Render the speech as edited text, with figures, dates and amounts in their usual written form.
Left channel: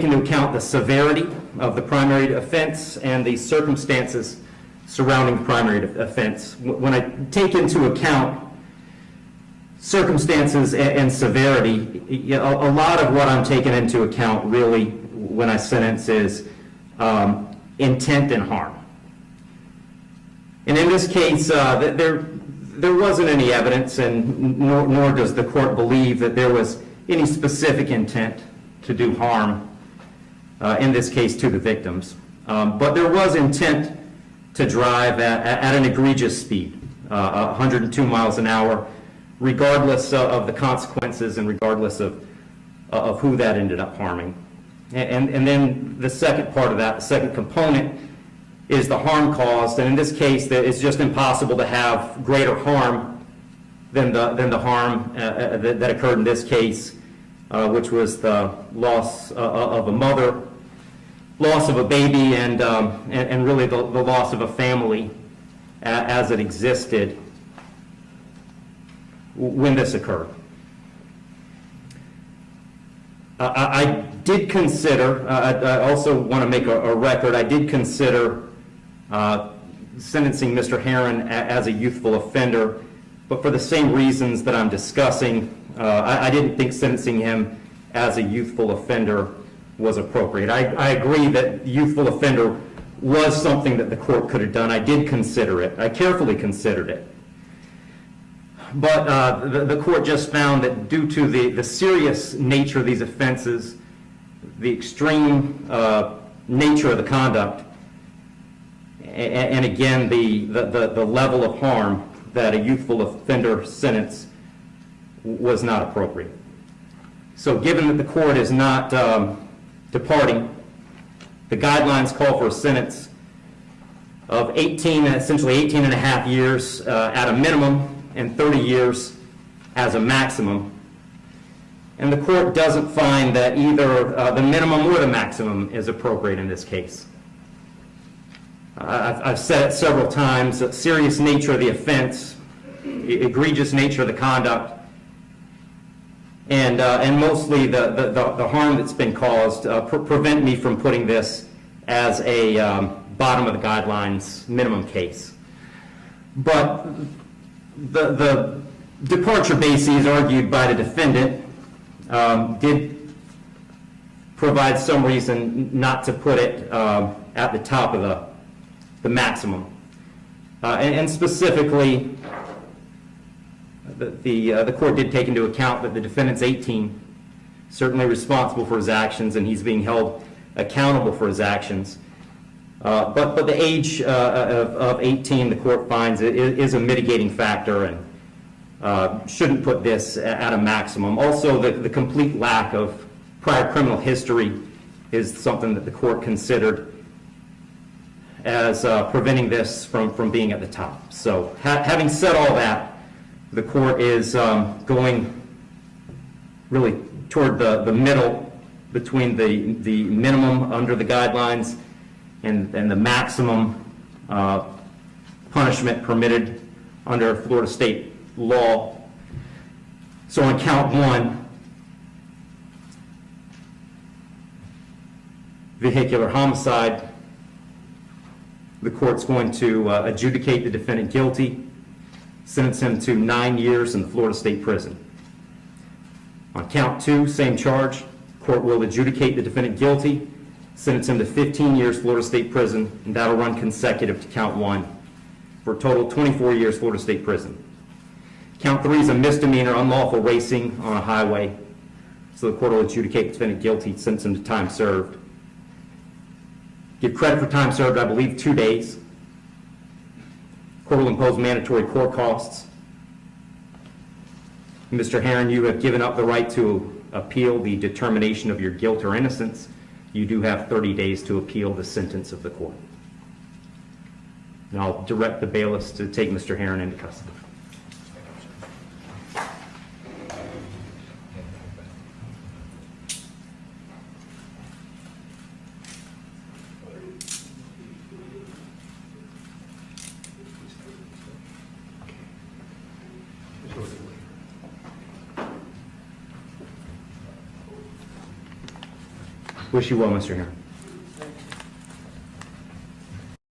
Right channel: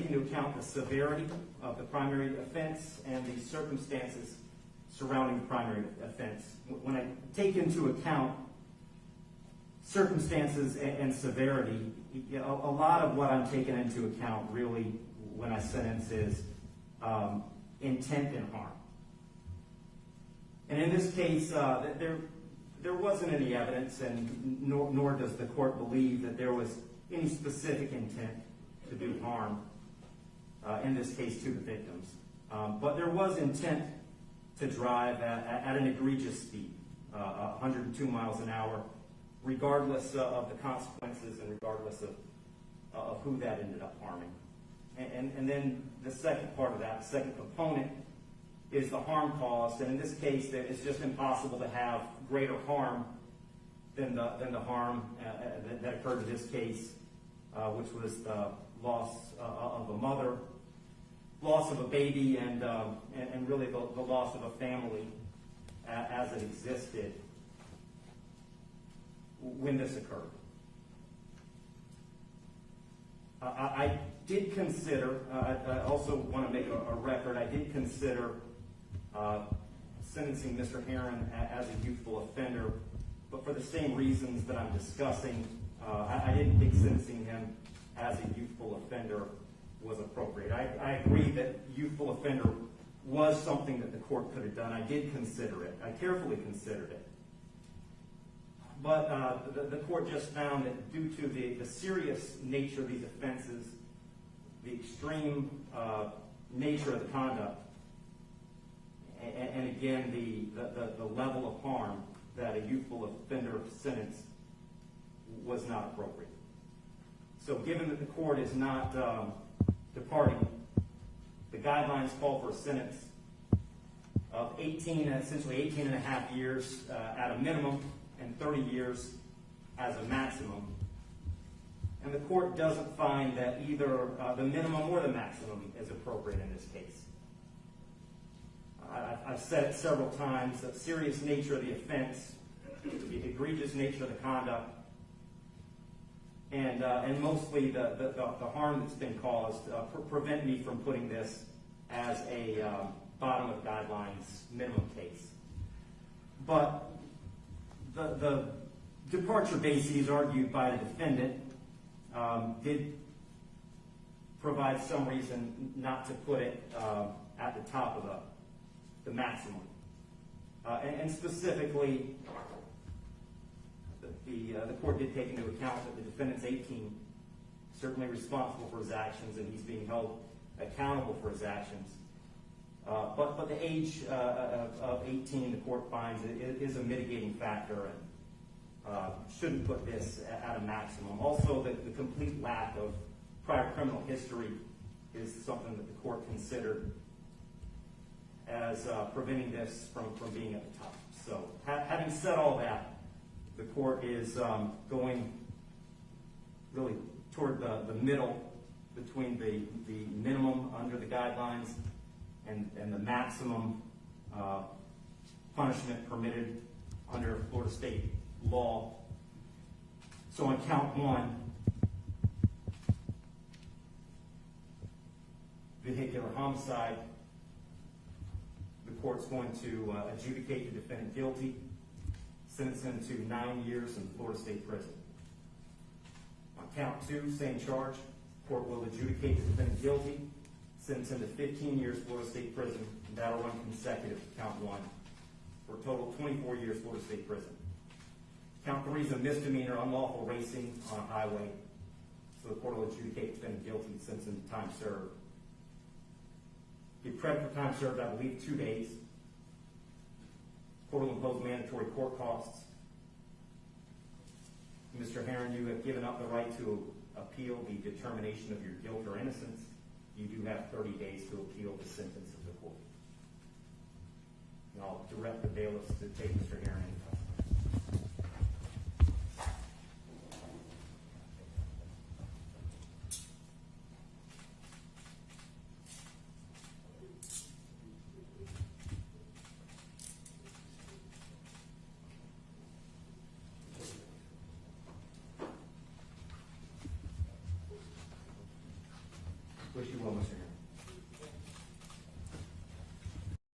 take into account the severity of the primary offense and the circumstances surrounding the primary offense. When I take into account circumstances and severity, a lot of what I'm taking into account really when I sentence is intent and harm. And in this case, there wasn't any evidence, and nor does the court believe that there was any specific intent to do harm, in this case to the victims. But there was intent to drive at an egregious speed, 102 miles an hour, regardless of the consequences and regardless of who that ended up harming. And then the second part of that, the second component, is the harm caused. And in this case, it's just impossible to have greater harm than the harm that occurred in this case, which was the loss of a mother, loss of a baby, and really the loss of a family as it existed when this occurred. I did consider, I also want to make a record, I did consider sentencing Mr. Heyrin as a youthful offender, but for the same reasons that I'm discussing, I didn't think sentencing him as a youthful offender was appropriate. I agree that youthful offender was something that the court could have done. I did consider it. I carefully considered it. But the court just found that due to the serious nature of these offenses, the extreme nature of the conduct, and again, the level of harm, that a youthful offender sentence was not appropriate. So given that the court is not departing, the guidelines call for a sentence of essentially 18 and a half years at a minimum and 30 years as a maximum. And the court doesn't find that either the minimum or the maximum is appropriate in this case. I've said it several times, the serious nature of the offense, egregious nature of the conduct, and mostly the harm that's been caused prevent me from putting this as a bottom of the guidelines minimum case. But the departure bases argued by the defendant did provide some reason not to put it at the top of the maximum. And specifically, the court did take into account that the defendant's 18, certainly responsible for his actions, and he's being held accountable for his actions. But the age of 18, the court finds, is a mitigating factor and shouldn't put this at a maximum. Also, the complete lack of prior criminal history is something that the court considered as preventing this from being at the top. So having said all that, the court is going really toward the middle between the minimum under the guidelines and the maximum punishment permitted under Florida state law. So on count one, vehicular homicide, the court's going to adjudicate the defendant guilty, sentence him to 9 years in the Florida State Prison. On count two, same charge, court will adjudicate the defendant guilty, sentence him to 15 years Florida State Prison, and that'll run consecutive to count one, for a total of 24 years Florida State Prison. Count three is a misdemeanor, unlawful racing on a highway, so the court will adjudicate the defendant guilty, sentence him to time served. Give credit for time served, I believe, 2 days. Court will impose mandatory court costs. Mr. Heyrin, you have given up the right to appeal the determination of your guilt or innocence. You do have 30 days to appeal the sentence of the court. And I'll direct the bailiffs to take Mr. Heyrin into custody. Wish you well, Mr. Heron.